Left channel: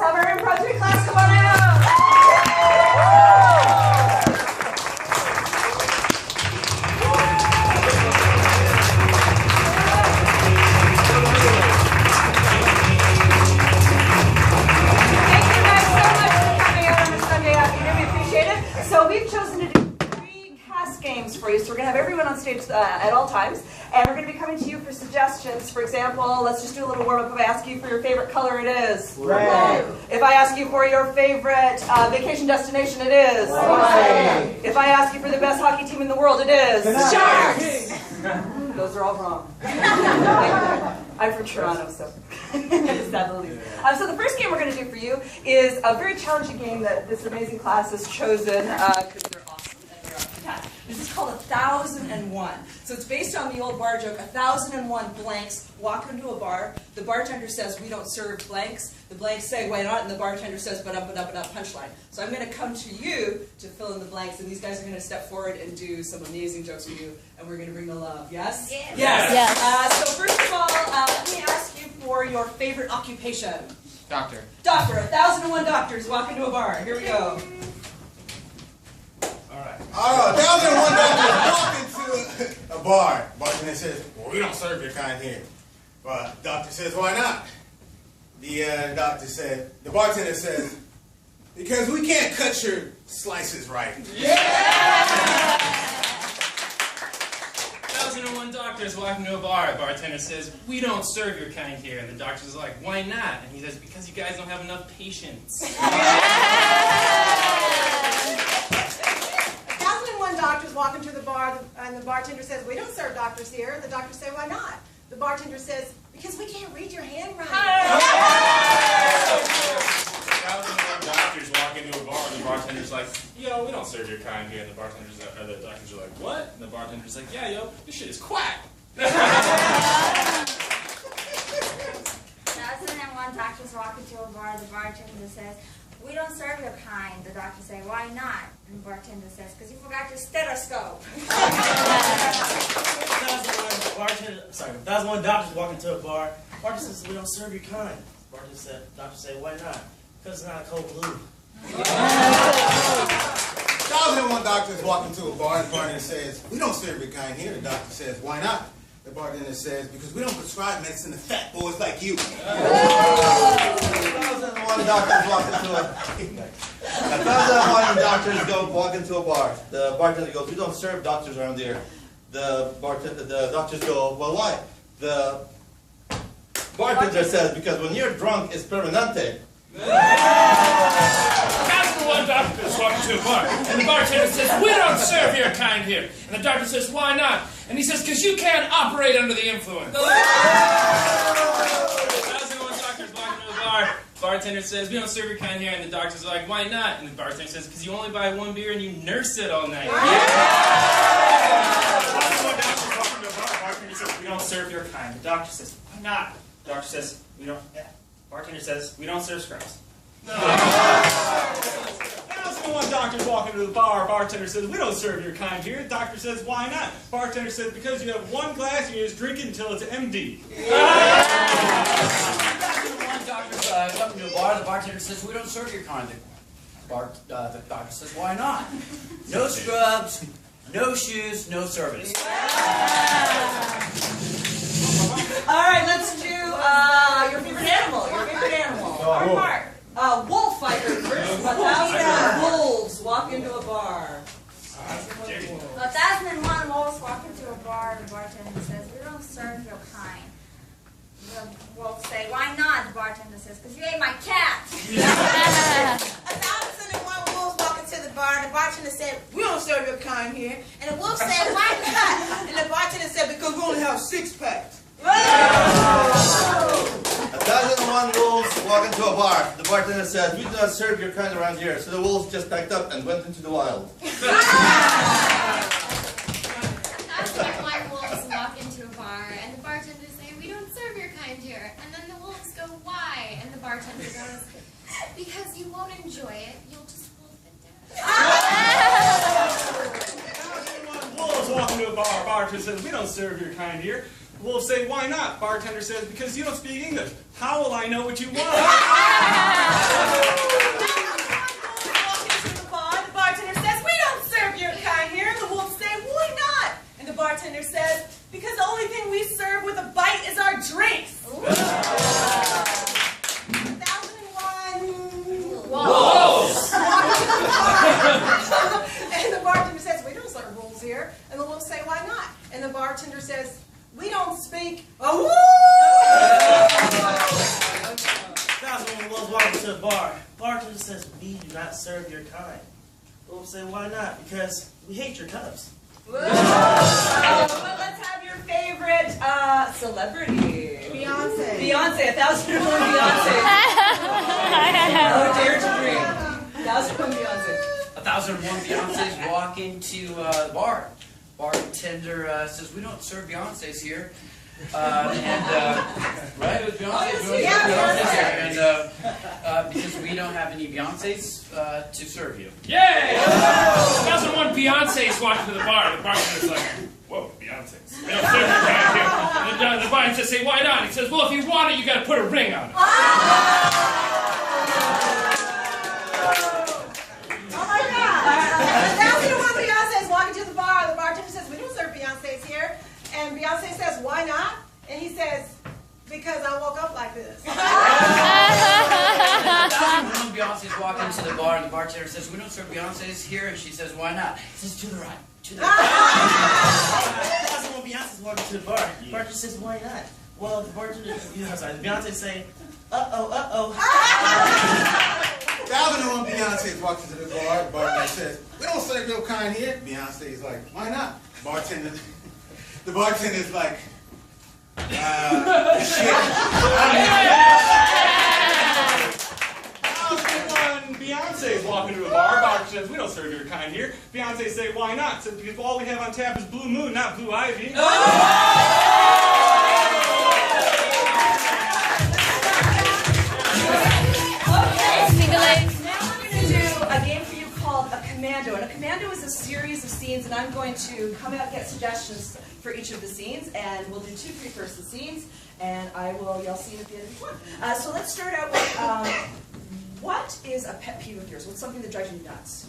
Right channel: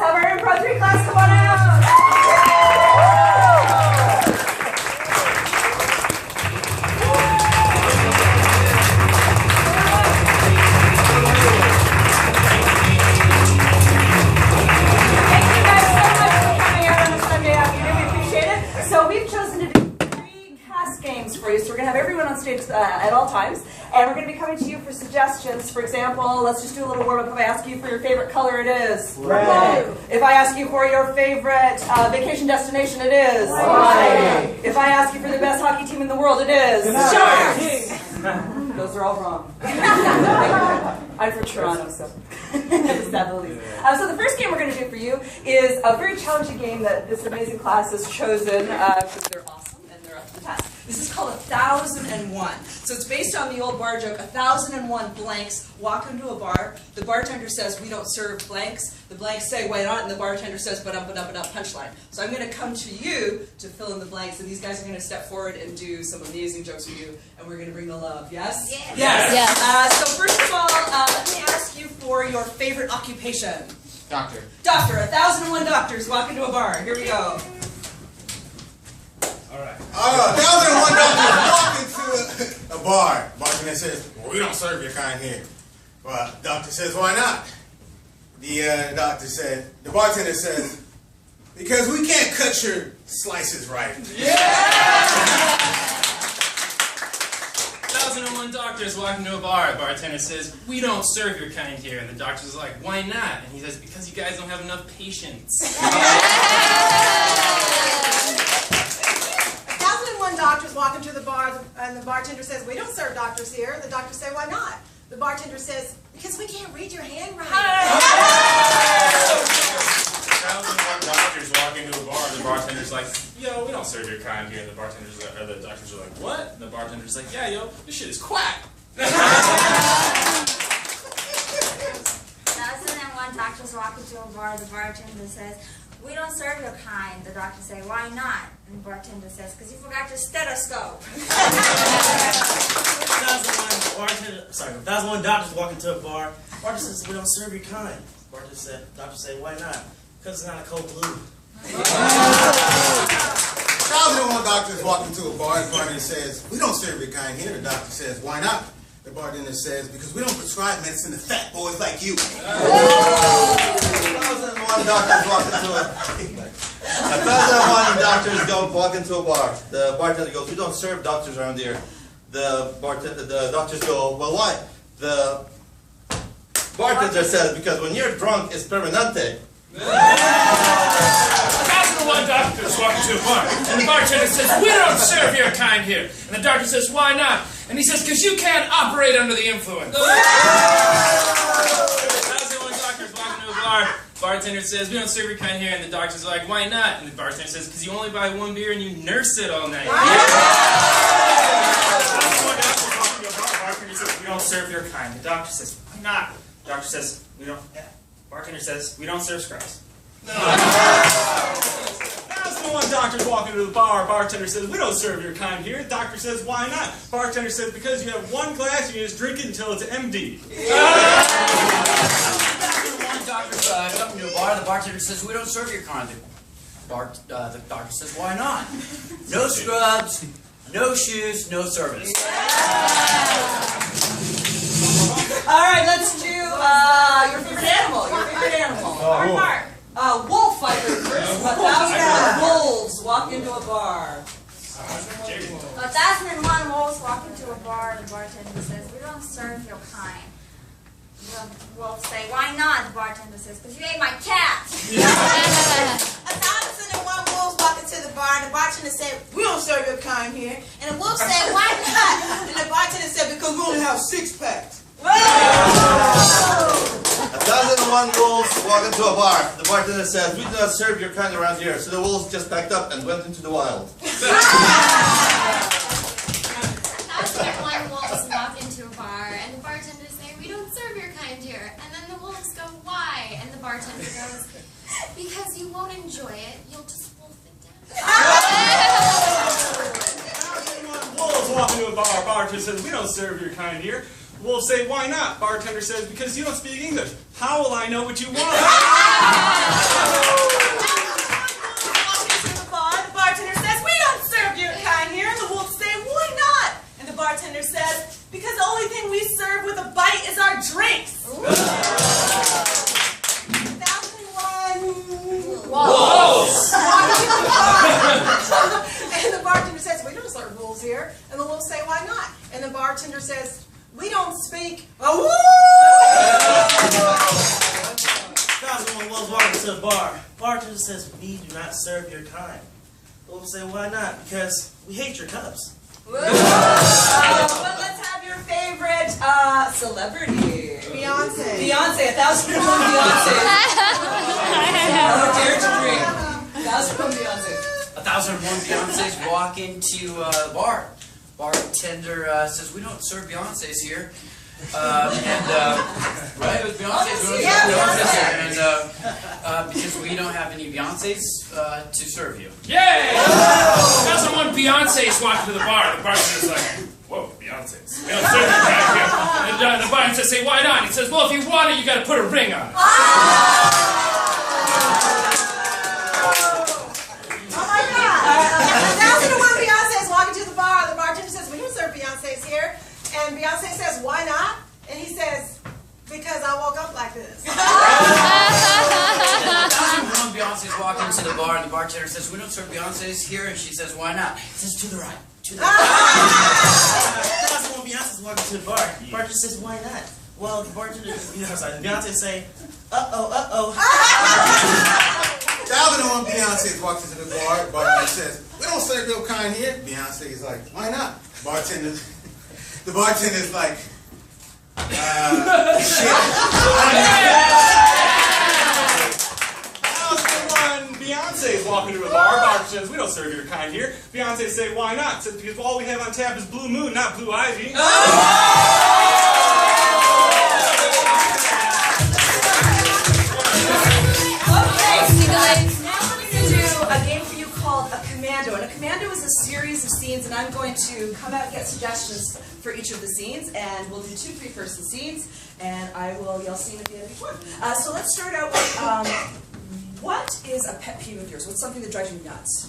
have our Improv 3 class come on out. Thank you guys so much for coming out on a Sunday afternoon. We appreciate it. So we've chosen to do 3 cast games for you. So we're going to have everyone on stage at all times. And we're going to be coming to you for suggestions. For example, let's just do a little warm-up. If I ask you for your favorite color, it is red. If I ask you for your favorite vacation destination, it is white. If I ask you for the best hockey team in the world, it is Sharks. Those are all wrong. I'm from Toronto, so just that the least. So the first game we're going to do for you is a very challenging game that this amazing class has chosen because they're awesome and they're up to the test. This is called 1001. So it's based on the old bar joke, 1001 blanks walk into a bar. The bartender says, we don't serve blanks. The blanks say, why not? And the bartender says, but up, punchline. So I'm going to come to you to fill in the blanks, and these guys are going to step forward and do some amazing jokes for you, and we're going to bring the love. Yes? Yes. Yes. So first of all, let me ask you for your favorite occupation. Doctor. Doctor. 1001 doctors walk into a bar. Here we go. 1001 doctors walk into a bar. Bartender says, well, we don't serve your kind here. Well, doctor says, why not? The bartender says, because we can't cut your slices right. 1001 doctors walk into a bar. Bartender says, we don't serve your kind here. And the doctor's like, why not? And he says, because you guys don't have enough patience. 1001 doctors walk into the bar, and the bartender says, we don't serve doctors here. The doctor says, why not? The bartender says, because we can't read your handwriting. 1001 doctors walk into a bar, and the bartender's like, yo, we don't serve your kind here. And the doctors are like, what? And the bartender's like, yeah, yo, this shit is quack. 1001 doctors walk into a bar. The bartender says, we don't serve your kind. The doctor says, why not? And the bartender says, because you forgot your stethoscope. 1001 doctors walk into a bar. Bartender says, we don't serve your kind. Doctor says, why not? Because it's not a cold blue. 1001 doctors walk into a bar. The bartender says, we don't serve your kind here. The doctor says, why not? The bartender says, because we don't prescribe medicine to fat boys like you. 1001 doctors walk into a 1001 doctors walk into a bar. The bartender goes, we don't serve doctors around here. The doctors go, well, why? The bartender says, because when you're drunk, it's permanente. 1001 doctors walk into a bar, and the bartender says, we don't serve your kind here. And the doctor says, why not? And he says, because you can't operate under the influence. 1001 doctors walk into a bar. Bartender says, we don't serve your kind here. And the doctor's like, why not? And the bartender says, because you only buy 1 beer and you nurse it all night. 1001 doctors walk into a bar. Bartender says, we don't serve your kind. The doctor says, why not? The doctor says, we don't. Bartender says, we don't serve scrubs. 1001 doctors walk into the bar. Bartender says, we don't serve your kind here. Doctor says, why not? Bartender says, because you have 1 glass and you just drink it until it's empty. 1001 doctors come to a bar. The bartender says, we don't serve your kind. The doctor says, why not? No scrubs, no shoes, no service. All right, let's do your favorite animal. Wolf fighter first. 1001 wolves walk into a bar. 1001 wolves walk into a bar. The bartender says, we don't serve your kind. The wolves say, why not? The bartender says, because you ate my cat. 1001 wolves walk into the bar, and the bartender said, we don't serve your kind here. And the wolf said, why not? And the bartender said, because we only have 6-packs. 1001 wolves walk into a bar. The bartender says, we do not serve your kind around here. So the wolves just packed up and went into the wild. 1001 wolves walk into a bar, and the bartender say, we don't serve your kind here. And then the wolves go, why? And the bartender goes, because you won't enjoy it, you'll just wolf it down. 1001 wolves walk into a bar. Bartender says, we don't serve your kind here. Wolf say, why not? Bartender says, because you don't speak English. How will I know what you want? The bartender says, we don't serve your kind here. The wolves say, why not? And the bartender says, because the only thing we serve with a bite is our drinks. 1001 Wolves. walking to the bar. And the bartender says, we don't serve wolves here. And the wolves say, why not? And the bartender says, we don't speak a woo! 1001 Wolves walking to the bar. Bartender says, we do not serve your kind. The wolves say, why not? Because we hate your cubs. Well, let's have your favorite celebrity. Beyonce. Beyonce, 1001 Beyonce. Oh, dare to dream. 1001 Beyonce. 1001 Beyonces walk into the bar. Bartender says, we don't serve Beyonces here. Right? It was Beyonce's. We don't serve Beyonces here. And because we don't have any Beyonces to serve you. Yay! 1001 Beyonce's walking to the bar. The bartender's like, whoa, Beyonce's. We don't serve your kind here. And the bartender says, why not? He says, well, if you want it, you got to put a ring on it. Oh my God! 1001 Beyonce is walking to the bar. The bartender says, we don't serve Beyonce's here. And Beyonce says, why not? And he says, because I woke up like this. 1001 Beyonces walk into the bar, and the bartender says, we don't serve Beyonces here. And she says, why not? He says, to the right. To the right. 1001 Beyonce's walking to the bar. Bartender says, why not? Well, the bartender, Beyonce say, uh-oh. 1001 Beyonce walks into the bar. Bartender says, we don't serve your kind here. Beyonce is like, why not? The bartender's like, shit. 1001 Beyonce's walking to a bar. Bartender says, we don't serve your kind here. Beyonce say, why not? Says, because all we have on tap is Blue Moon, not Blue Ivy. Commando. And a commando is a series of scenes, and I'm going to come out and get suggestions for each of the scenes, and we'll do 2 3-person scenes, and I will yell scene at the end of each one. So let's start out with, what is a pet peeve of yours? What's something that drives you nuts?